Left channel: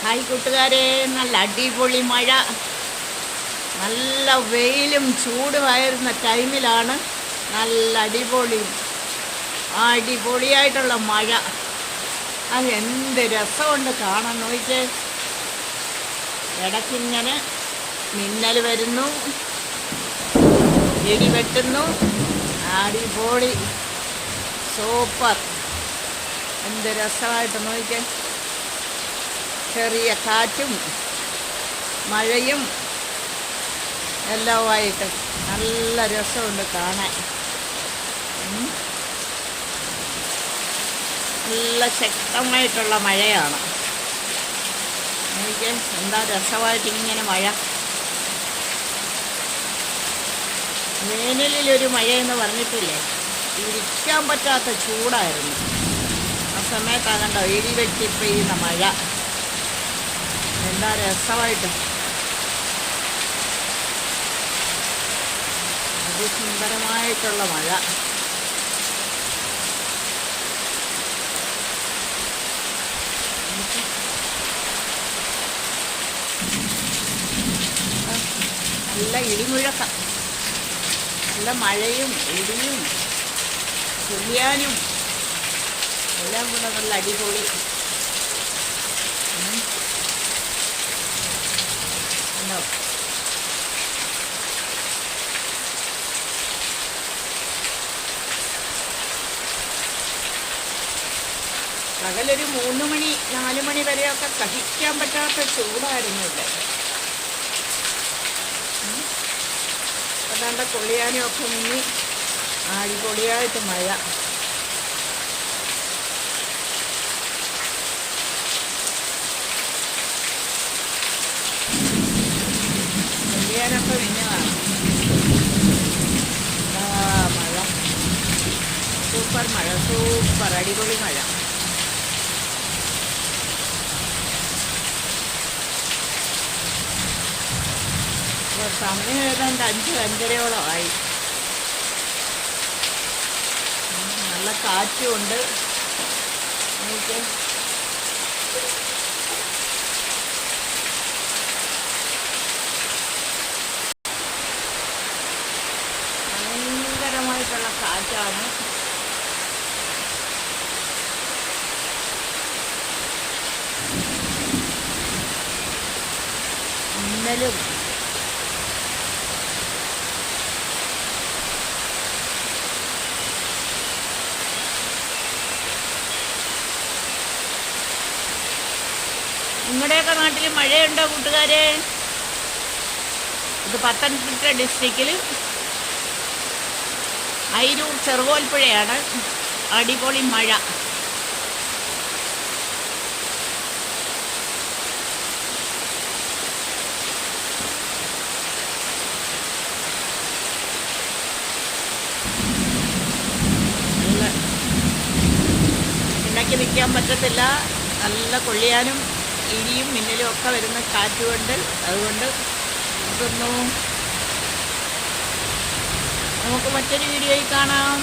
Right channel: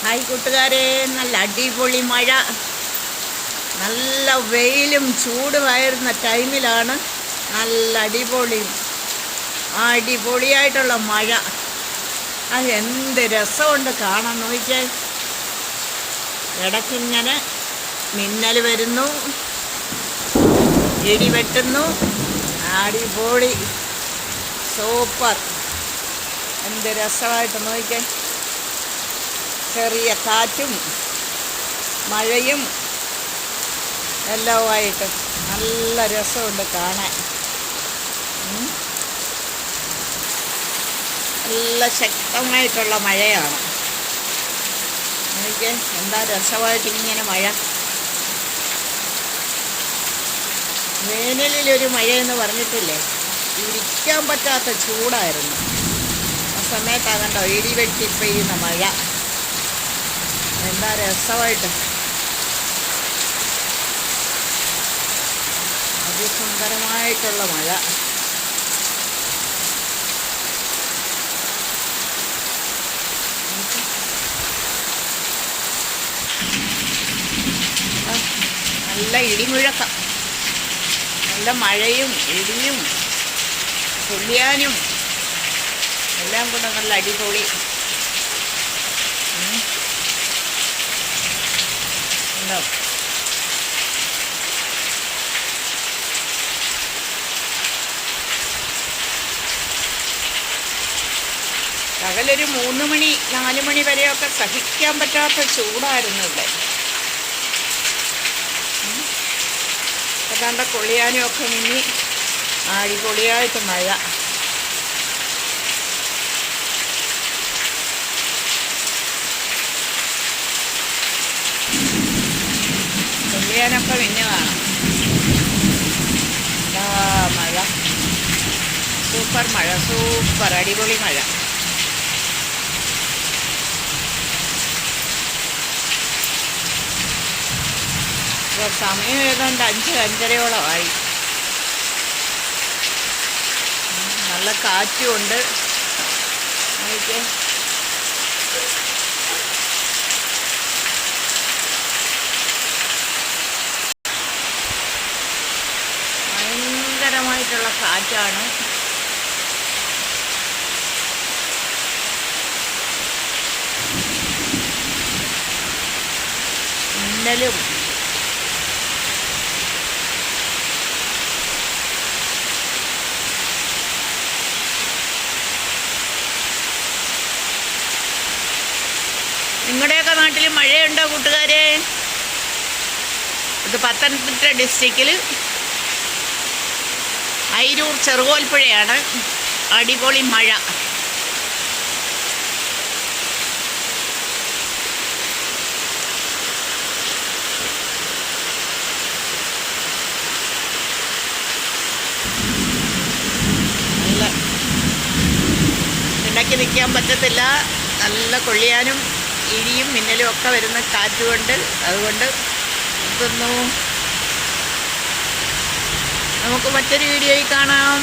Hi കൂട്ടുകാരെ, നല്ല അടിപൊളി മഴ. നല്ല വെയിലും ചൂടുമായിരുന്ന ടൈമിലാണ് നല്ല അടിപൊളിയായിട്ടുള്ള മഴ. അത് എന്ത് രസമുണ്ട് കാണാൻ. നോക്കിക്കേ, ഇടയ്ക്കിങ്ങനെ മിന്നൽ വരുന്നു, ഇടി വെട്ടുന്നു. അടിപൊളി, സൂപ്പർ. എന്ത് രസമായിട്ട് നോക്കിക്കേ. ചെറിയ കാറ്റും മഴയും എല്ലാമായിട്ട് നല്ല രസമുണ്ട് കാണാൻ. നല്ല ശക്തമായിട്ടുള്ള മഴയാണ്. എനിക്ക് എന്താ രസമായിട്ട് ഇങ്ങനെ മഴ. വേനലിലൊരു മഴയെന്ന് പറഞ്ഞിട്ടില്ലേ, ഇരിക്കാൻ പറ്റാത്ത ചൂടായിരുന്നു. ആ സമയത്താകണ്ടോ ഇടി വെട്ടി പെയ്യുന്ന മഴ. എന്താ രസമായിട്ട്, അതിസുന്ദരമായിട്ടുള്ള മഴ. നല്ല ഇടിമുഴക്കം, നല്ല മഴയും ഇടിയും തുള്ളിയാനും എല്ലാം കൂടെ നല്ല അടിപൊളി. ഉണ്ടോ? പകലൊരു 3 മണി 4 മണി വരെയൊക്കെ സഹിക്കാൻ പറ്റാത്ത ചൂടായിരുന്നു ഇവിടെ. അതാണ്ട് കൊള്ളിയാനും ഒക്കെ മിന്നി അടിപൊളിയായിട്ട് മഴ. കൊള്ളിയാനൊക്കെ മിന്നു കാണാം. മഴ, സൂപ്പർ മഴ, സൂപ്പർ അടിപൊളി മഴ. ഇപ്പോൾ സമയം ഏതാണ്ട് 5-5:30 നല്ല കാറ്റുമുണ്ട്. നോക്കിയേ, ഭയങ്കരമായിട്ടുള്ള കാറ്റാണ്. മിന്നലും നിങ്ങളുടെയൊക്കെ നാട്ടിൽ മഴയുണ്ടോ കൂട്ടുകാരെ? ഇത് പത്തനംതിട്ട ഡിസ്ട്രിക്റ്റിൽ അയിരൂർ ചെറുകോൽപ്പുഴയാണ്. അടിപൊളി മഴ. നല്ല ഉണ്ടാക്കി നിൽക്കാൻ പറ്റത്തില്ല. നല്ല കൊള്ളിയാനും ഇടിയും മിന്നലും ഒക്കെ വരുന്ന കാറ്റുകൊണ്ട്. അതുകൊണ്ട് ഇതൊന്നു നമുക്ക് മറ്റൊരു വീഡിയോയിൽ കാണാം.